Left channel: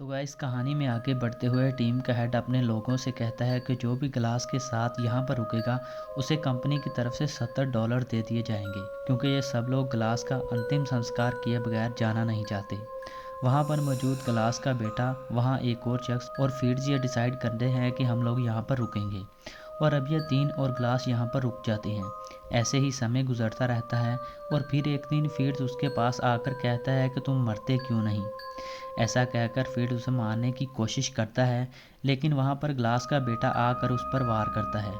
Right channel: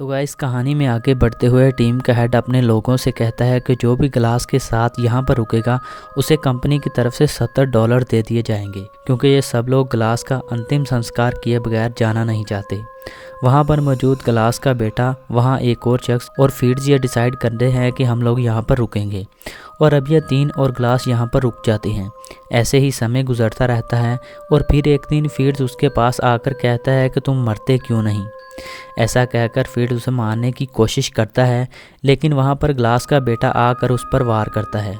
तो गाइस कहानी में आगे बढ़ते हुए टीम का हेड अपने लोगों से कहता है कि जो भी ग्लास के साथ यहाँ पर रुकेगा उसे कंपनी की तरफ से $70 दे दिए जाएंगे, क्योंकि ये सब लोग ग्लास का अंतिम संस्कार किए बगैर जाना नहीं चाहते। वहाँ पर मौजूद ग्लास का बेटा, वहाँ एक और शख्स और फीड्स ये डिसाइड करते हैं कि हम लोग यहाँ पर रुकेंगे, और अब ये 3 और ग्लास यहाँ पर रुक जाते हैं। ऐसे ही समय गुजरता रहता है और फिर एक दिन फीड्स उसके पास आकर कहता है कि तुम मरते क्यों नहीं। ऐसा कहकर फीड्स उसे मारने की कोशिश करता है, लेकिन वहाँ पर ग्लास का बेटा आकर उस पर वार करता है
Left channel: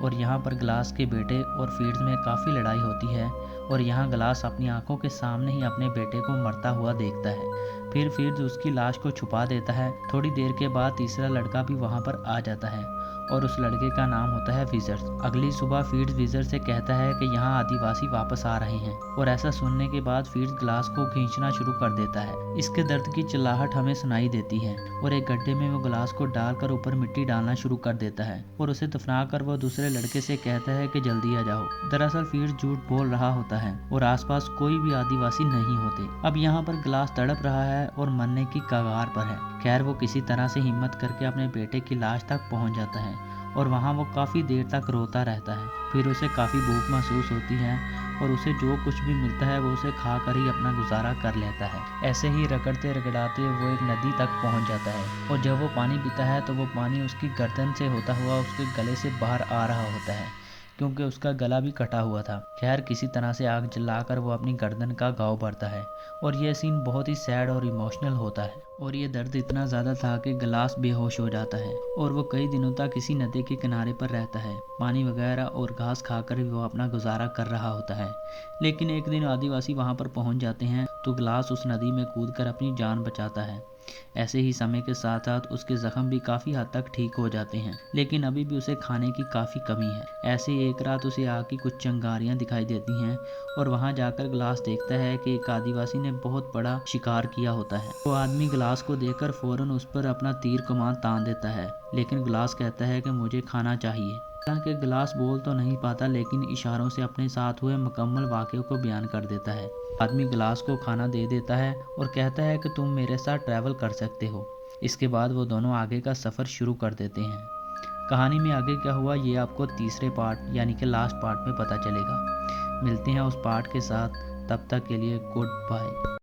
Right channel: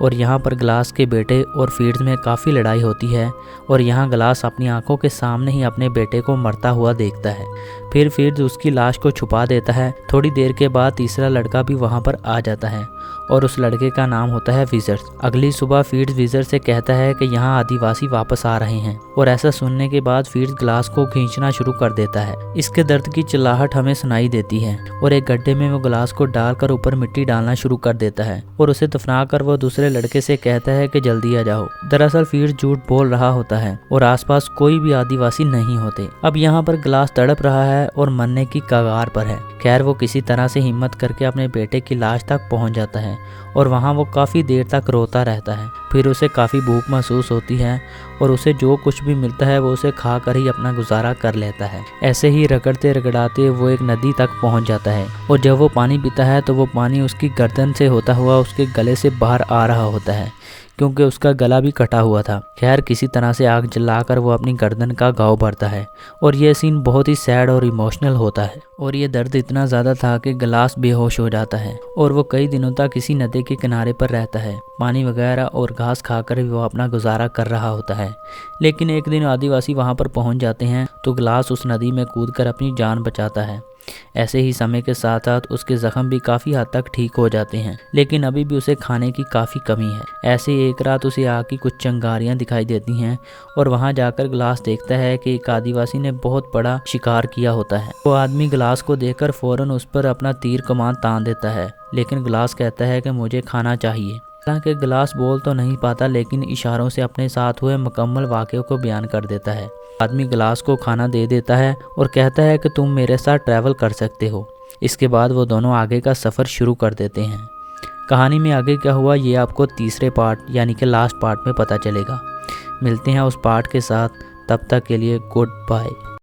और यहाँ पर ग्लास के बेटे और फीड्स में काफ़ी लड़ाई होती है। और यहाँ ग्लास अपनी आंखों के सामने ही अपने बेटे को मरता हुआ देखता है। फिर फीड्स उसकी लाश को छुपा देता है। थोड़ी देर के बाद तीसरा लड़का भी वहाँ पर आ जाता है और उस लड़के का नाम होता है विजर। अगली सुबह फीड्स विजर से कहता है कि यहाँ आदिवासी वापस आ रहे हैं, और ऐसा सुनने के बाद फीड्स ग्लास को खींचना शुरू कर देता है। इसके दर्द की चिल्लाहट हमें सुनाई देती है और एक गड्ढे में वो ग्लास को डालकर ऊपर मिट्टी डालना शुरू कर देता है और उसे दफनाकर वो दूसरे लड़के से कहता है कि जल्दी आ जाओ। दरअसल फीड्स झूठ बोल रहा होता है और आसपास कोई भी आदिवासी नहीं होते। अब यहाँ पर ग्लास तड़प रहा है और मरने की कगार पर है। खैर वो किसी तरह से हिम्मत करके अपने बेटे की लाश तक पहुँच जाता है और वहाँ वो काफ़ी देर तक रोता रहता है। फिर उसे काफ़ी भूख महसूस होती है और उसे जो कुछ भी मिलता है वो उसे खा कर ही अपना गुजारा कर लेता है। ऐसे ही रगड़ते रगड़ाते वो एक नदी तक पहुँच जाता है और जब वो पानी पीता है तो वो पानी उसकी गर्दन से होता हुआ उसके गले से बाहर आ रहा होता है, क्योंकि उसका गला भी कटा हुआ था। खैर किसी तरह से आग जलाकर वो अपनी गर्दन का घाव भरता है और ये सीन बहुत ही सैड और इमोशनल होता है। और ये दर्द इतना ज़्यादा था कि ग्लास बेहोश हो जाता है और वो कई दिनों तक इसी नदी के किनारे पर रहता है। पानी वगैरह और घास खाकर वो अपना गुजारा कर रहा होता है। लेकिन एक दिन आदिवासी वहाँ पर पहुँच जाते हैं तो ग्लास उस नदी में कूदकर अपनी जान बचाता है। ऐसे ही समय के साथ साथ उसके जख्म भी काफ़ी हद तक ठीक हो जाते हैं, लेकिन अभी भी उसे खाने की काफ़ी कमी है। ऐसे ही एक रात उसे आग की कुछ चिंगारियां दिखाई देती हैं और वहां जाकर ग्लास देखता है कि एक आदिवासी ने बहुत बड़ा शिकार किया होता है। वो आदमी ग्लास को देखकर फौरन उस पर अपना तीर कमान तान देता है, लेकिन ग्लास कहता है कि मुझे खाना चाहिए। हालांकि ग्लास बोल तो नहीं पाता, लेकिन इशारों से अपने साथ हुए मुकम्मल वाक़े को बयान कर देता है। आदमी ग्लास को खाना दे देता है और कहता है कि तुम मेरे साथ ट्रैवल कर सकते हो। इसके बाद वो दोनों आगे का सफ़र शुरू कर देते हैं। कहानी में आगे क्या हुआ ये आपको तीसरे पार्ट यानी कि लास्ट पार्ट में पता चलेगा। मिलते हैं उस पार्ट के साथ, तब तक के लिए गुड बाय।